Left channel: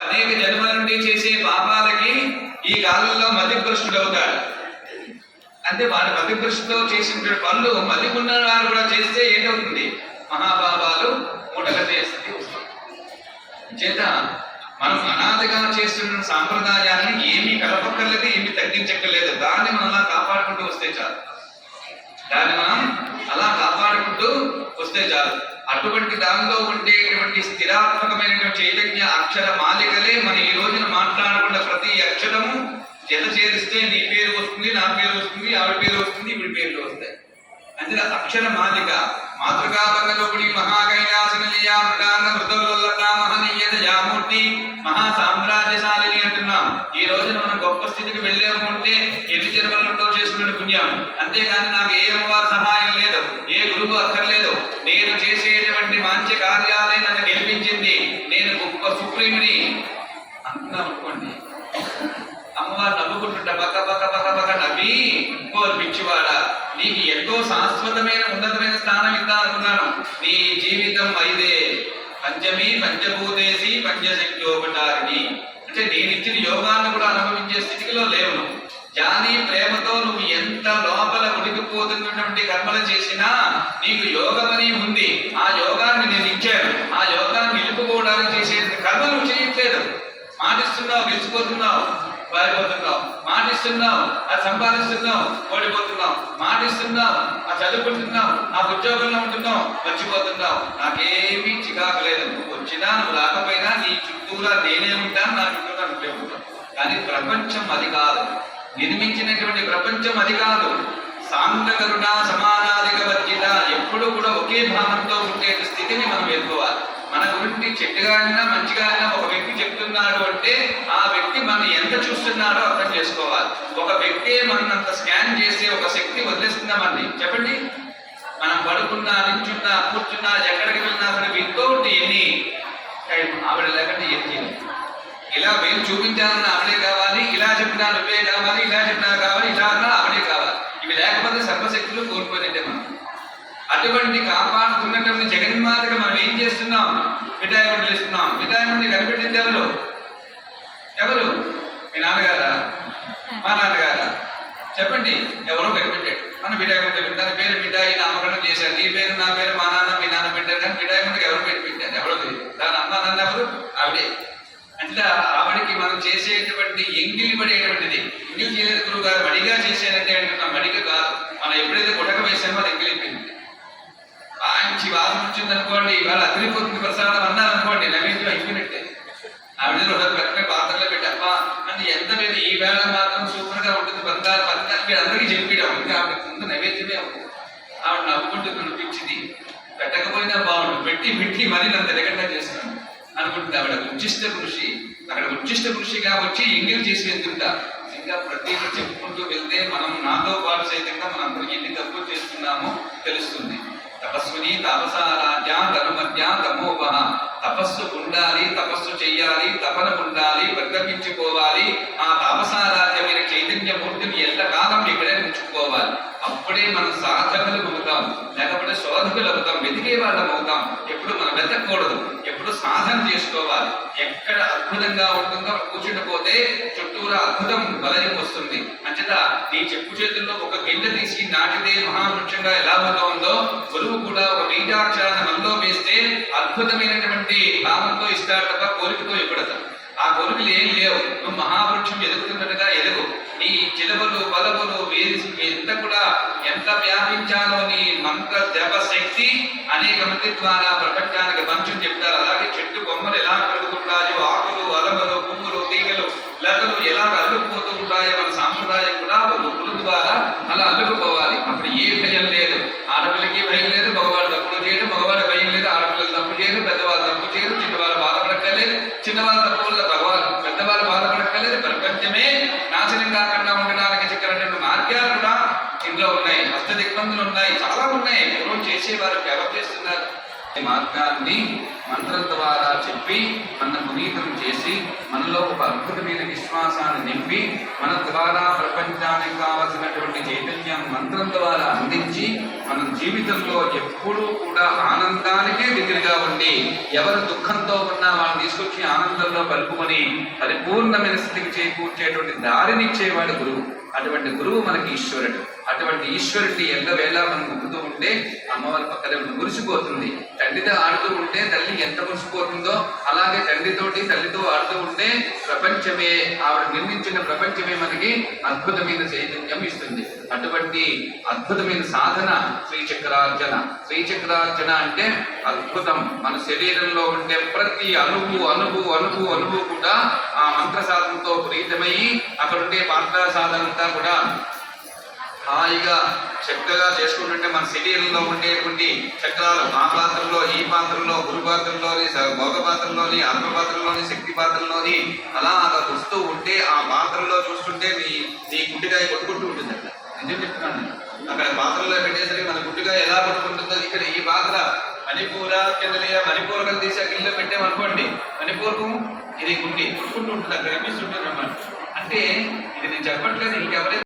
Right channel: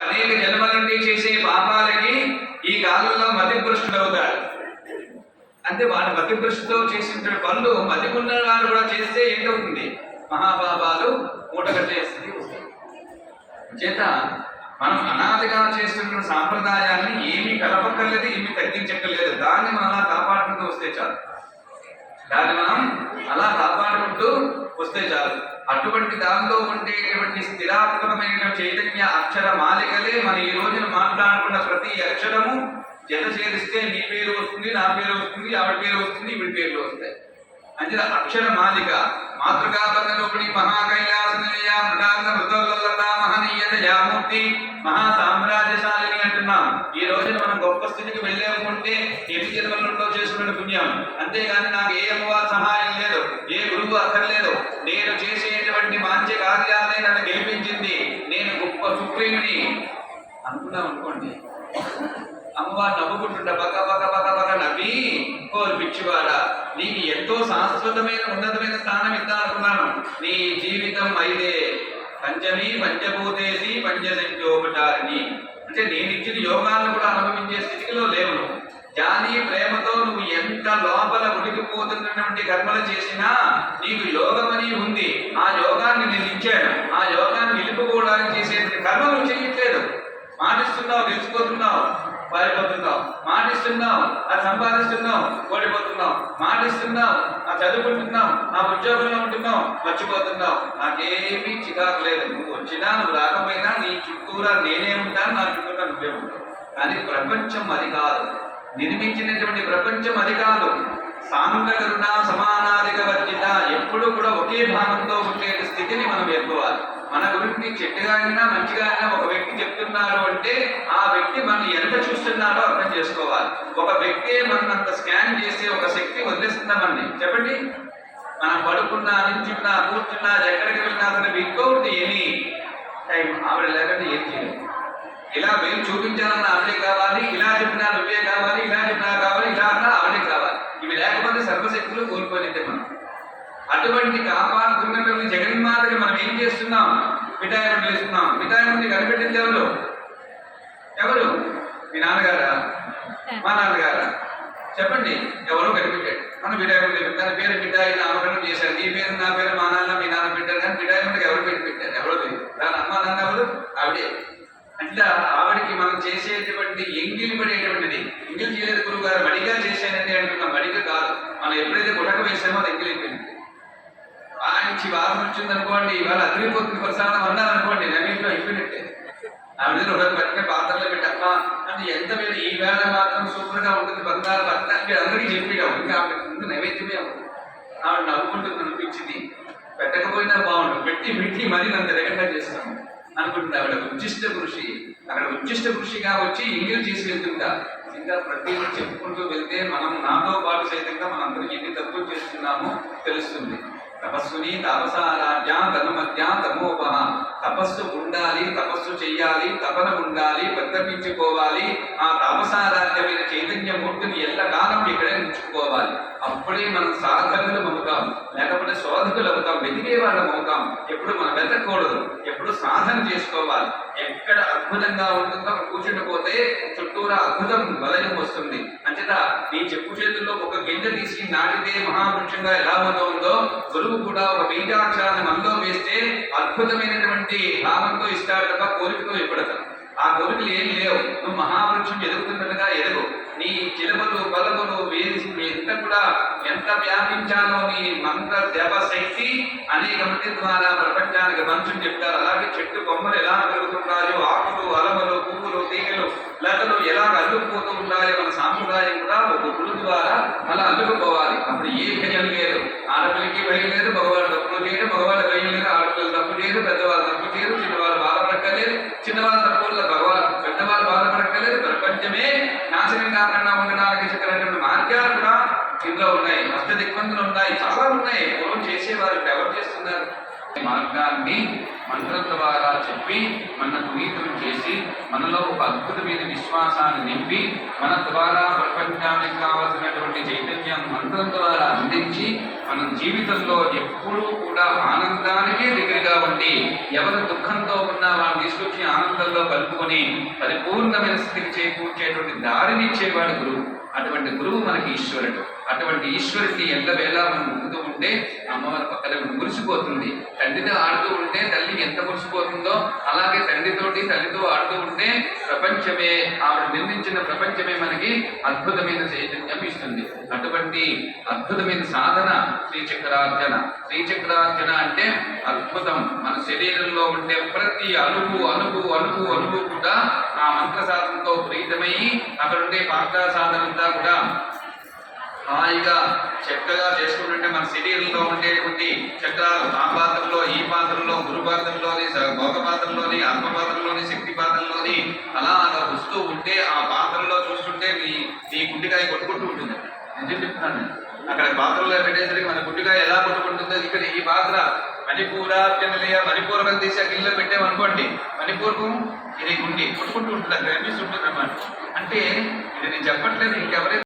అనేక జన్మల నుండి చేసే పాపాలకి ఈ కాలంలో మతిభ్రష్టుడు అవుతాడు. అంటే వాడి మతిభ్రష్టుతో చేసిన పనులు మతికున్న వారు కూడా చేస్తే ఏంటవుతుంది? మహాపాపాలు మూటగట్టే స్థితి వస్తుంది. చేత మనం అనాదిగా చేస్తున్న సాంప్రదాయాన్ని ఏమీ కలపక్కర్లేదు ఏమీ తగ్గించక్కర్లేదు. దాన్ని మనం కాపాడుకుంటూ వస్తే చాలు. దాన్ని మనం కాదు. అటువంటి దానిలో ఉండేటువంటి స్థిరాత్మకమైన చైతన్య అక్షర మాలికలే మన ఈ రోజున మాట్లాడుకున్న ప్రతి అక్షరము జత చేరిస్తే నీ పేరు వస్తుంది నా పేరు వస్తుంది ఆవిడ పేరు వస్తుంది వీడి పేర్లు వస్తాయి. అంటే అక్షర మాలిక మాతృకా పరలోపుడి మహాకైలాస నిలయ మహనీయత యామూర్తి మహాసామ్రాజ్యశాలిని అంటున్నాం. ఈ రోజున మనం గొప్ప స్థితికి వెళ్ళాము అంటే ఎన్ని జన్మలలో చేసుకున్న పుణ్యం. అంతేగాని నాకు ఏ అమ్మవారి సహాయం లేదు ఏ గురువు అక్కర్లేదు. నేను చేసేటువంటి మంచి కార్యాలే నన్ను గెలిపించింది. నేను గొప్ప సుప్రీముని. అంటున్నాను అనుకోండి అమ్మవారు నవ్వుకుంటుంట పక్క పక్క పక్క పక్క నవ్వి ఓ పిచ్చివాడా నీకు ఎంతో శాశ్వతమైన ఉన్నతమైన స్థానం ఇద్దామనుకున్నాను నీ జీవితం అయితే పంచమి పంచభూతేసి పంచశక్యోపచారిణి అంటే నేను ఇచ్చిన యోగాన్ని కూడా అనుభవించే స్థితిలో లేవు జానీ ప్రేమతో నువ్వు ఎంత లోపల ఉడికిపోతున్నటువంటి కర్మలు చేసినా నీకు యోగమని ఉంది. ఆ యోగాన్ని నేను ఇచ్చాను. ఆ యోగాన్ని నిలుపుకోవడానికి చేసే కర్మ నువ్వు చేయట్లేదు. మాటిస్తున్నావు గెలిచిపోతున్నావు పారిపోతున్నావు. మాటిస్తున్నావు అది సంపాదిస్తున్నావు ఓడిపోతున్నావు. మాటిస్తున్నావు ఆ చదువుకుంటున్నావు ఆ ఉద్యోగంలో ఉంటున్నావు మర్చిపోతున్నావు. నాకేమీ చికాకు లేదు. నువ్వు వచ్చినా నువ్వు రాకపోయినా నీ చుట్టూరా నేనే ఉంటాను నా చుట్టూరా నువ్వే ఉంటావు. కానీ ప్రపంచం అది కాదు. నిర్మించినటువంటి ప్రపంచం అది కాదు. సాంగకరుణ సమానాధిక వర్జిత ఎప్పుడు కూడా ఒకే భావంతో ఉండే స్థితిని మనం ఎదుకోవాలి మన గురించి చెట్టుగా అయినా మంచిగా అయినా ఒక వ్యక్తి చెప్తున్నారు అంటే ఆ వ్యక్తి మనం ఎంత చూస్తున్నారో అర్థం చేసుకోవాలి. ఒక వ్యక్తి మనంత స్కాన్ చేసి ఒక శక్తి వదిలేస్తున్నామండి చెప్పండి. మనం పడుకున్నా నించున్నా కూర్చున్నా ఎక్కడికి వెళ్ళినా సరే వితౌట్ ఎనీ టైం ఆవిడ లేకుండా ఏం చేయాలి ఇలా మేము చూపించాలన్న ఆవిడే కావాలి ఇలా చెప్పినా నువ్వే కావాలి ఇలా చెప్పినా కావాలి ఇలా అన్నా ఆవిడే కావాలి ఇవి లేకపోతే సర్వశక్తులు కోల్పోయినట్టే మనం అటువంటి కాపాడుతున్నటువంటి జగన్మాతకి మనం ఏం చేస్తున్నాం మిఠాయి మిగతా మంది కనిపెట్టింది ఎవరు? ఎవరు? మీ నాన్నగారా? మా నాన్నగారా? చెప్పండి ఎవరో కనిపెట్టాడు మనం బిడ్డాయి మంది దాని పేరు బిడ్డాయి నామకరణం చేశారు. నీ పేరు నా పేరు మా నాన్న మీ నాన్న పెట్టారు కానీ మిఠాయి ఎవరు పెట్టి పెట్టారు ఎవరో తెలియదు. దాని అమ్మ నాన్న ఎవరు? ఆవిడే. అట్లా ఆవిడకి మనం చేసేటువంటి ఎంగిలి పడేటువంటిది ఎంగిలి చేయలేదు గురువు గారు మడిగా చేసేదంటే అంటున్నాం. మడిగా కాదు. మనం ఎప్పుడైతే గుటక వేసామో అది ఎంగిలిపోయింది మంచి వాసన వచ్చింది అనుకోండి ఇవాళ అదిరిపోతుంది ప్రసాదం అన్నారు అనుకోండి నవీన్లో అయిపోయినట్టే. ఆవిడ రోజు పక్కనే పాత్రలో పెట్టమ్మా అంటే ఎంత మీద ఈ వేళ మాత్రం సూపర్గా ఉంటుంది బంగారు పత్ర అందరికీ చెప్పిడా ఇంకా ఆవిడ ముందు నైవేద్యమే ఉంది. ఆవిడ నవ్వుకుంటూ కనిపించింది. పెట్టకపోయినా బాగుండు పెట్టి పెట్టి మరీ నన్ను ఎరగంగా చేస్తాను అనుకుంటుంది ఆవిడ ఉచ్చిష్ట కృషి అక్కడ ఉచ్చిష్ట కృషిగా వచ్చి ఎంగిల్ చేసి వెళ్తుంటా ఇంకా ప్రతి చెప్పుకుంటూ వెళ్తే మనం నాతో పాటు సైతంగా మనం ఎన్ని తప్పులు చేస్తున్నామో తెలుస్తుంది. తపస్సుని తపసారాధ్య ధనుమధ్య తమోపహ తపస్సు ఉండాలి తపస్సు చెయ్యాలి తపన ఉండాలి పరితపించుకోవాలి ఆ తపసారాధ్యమైన చైతన్య మూర్తిని ఎల్లకాలం ఇక్కడే ఉంచుకోవాలి. అప్పుడే మనం సాధకులు అవుతాం లేకపోతే శోధకులు అవుతాం వెతికే వాళ్ళం అవుతాం. ఎప్పుడు మనం వెతకూడదు ఎప్పుడు సాధన చేసుకోవాలి. ఎక్కడ అద్భుతంగా ఉంటుందో కూర్చుండిపోతే చుట్టూరా అద్భుతం వలయం వస్తుంది అంచేత నీ చెప్పు చేతుల్లో ఒక గింజ తీసి నాటితే మహావృక్షంగా ఎలా ఉందో గురువు కూడా ఒక బీజాక్షరాన్ని మనలో వేస్తే అద్భుతమైనటువంటి భావంతో ఇస్తాడు తప్ప కోరికతో ఇవ్వడతాడు ఆ ఏం లేవు. నువ్వు మహావృక్షం ఎదుగుతున్నట్టుగా ఎదుగు. నీ చిలువలు బలములు ఎంత కూడా ఎంత వ్యాపించాలో నీ మంత్ర జప శక్తి అనేక మంది ద్వారా ప్రపంచానికి మంచు చెప్తారు. అలాగే చెట్టు కొమ్మలు ఎలా పెరుగుతుంటాయో ఆకులు అలమలు పువ్వులు తీగలు లతలు ఎలా అల్లుకుపోతూ ఉంటాయో మన సాంప్రదాయం కూడా ఒక గురు ద్వారా అలా అల్లుకుపోవాలి. పెద్ద ఇబ్బందులు ఉన్నాయి. చాలా ఉన్నాయి. పూర్వం చేసేవారు ఎవరు చేస్తున్నారు? ఈ మార్గాన్ని మంత్రం ద్వారా చెప్పి మన పునీతులు చేసి మనలో ఒక అద్భుతమైన విశ్వాసాన్ని నింపి మన ద్వారా ప్రపంచానికి కావలసినటువంటి చైతన్యం మంత్రం ద్వారా అందించి మన జీవితంలో ఎప్పుడూ కూడా ఆనందానికే దగ్గరగా ఉండి ఎవరు దుఃఖంతో ఉన్నా వాళ్ళని తీసుకొచ్చి ఆనందంలో కలుపుకొని పరిపూర్ణమైన స్థితికి చేకూర్చేటువంటి దారిని ఇచ్చేవాడు గురువు. అటువంటి గురువు మనకి ఈశ్వరుడు. అటువంటి ఈశ్వరుడిని ఎల్లవేళ మనం ముందుతూ ఉంటే అమ్మవారి పక్కన మురిసిపోతుంది. తండ్రితో ఆడుతూ ఉంటే తల్లి ఎంత మురిసిపోతుందో అలాగే తండ్రితోటి తల్లితో ఆడుతూ ఉంటే ప్రపంచమే ఆవిడ నిర్మించిన ప్రపంచమే మనకి అద్భుతమైన చైతన్యం ఇస్తుంది. అటువంటి అద్భుతమైన సాధన శ్రీచక్రార్చన శ్రీచక్రార్చన అంటే అద్భుతం. మన శరీరంలో ఉండే ప్రతి అణువు అణువు అణువు అణువు కూడా ఆ మంత్ర సాధనతో ప్రీతమై అక్కడ ఉండే పాత్ర సాధనంతా కూడా హాయిగా చక్కగా చేసుకుంటుంటే మన శరీరంలో ఉండేటువంటి చక్రాలు ఆ పాత్రలో ఈ పాత్రలో గురు పాత్రలోని భోగ పాత్రలోని ఆత్మ పాత్రలోని శక్తి పాత్రలోని అలాగా వస్తూ ఉంటే ఆ పాత్రలో చూస్తుంటే నీ నీ గుడ్డికాయ కొట్టుకుంటూ ఉంటుంది నిజం చెప్తున్నాను? అక్కడ పాత్రలో పెట్టేసరికి మన గుడ్డికాయ ఎలా కొట్టుకుంటుందో ఇక్కడ ఈ పాత్ర మణిపూర కిందలియ మణిపూరకం తీసి ఆ పెట్టామనుకోండి మణిపూరకం ఇది గుండి కొట్టుకుంటూ ఉంటుంది అక్కడ కనిపిస్తుంటుంది అన్నమాట. అంటే ఇది నేను చెప్పట్లేదు ఇంకెవరైతే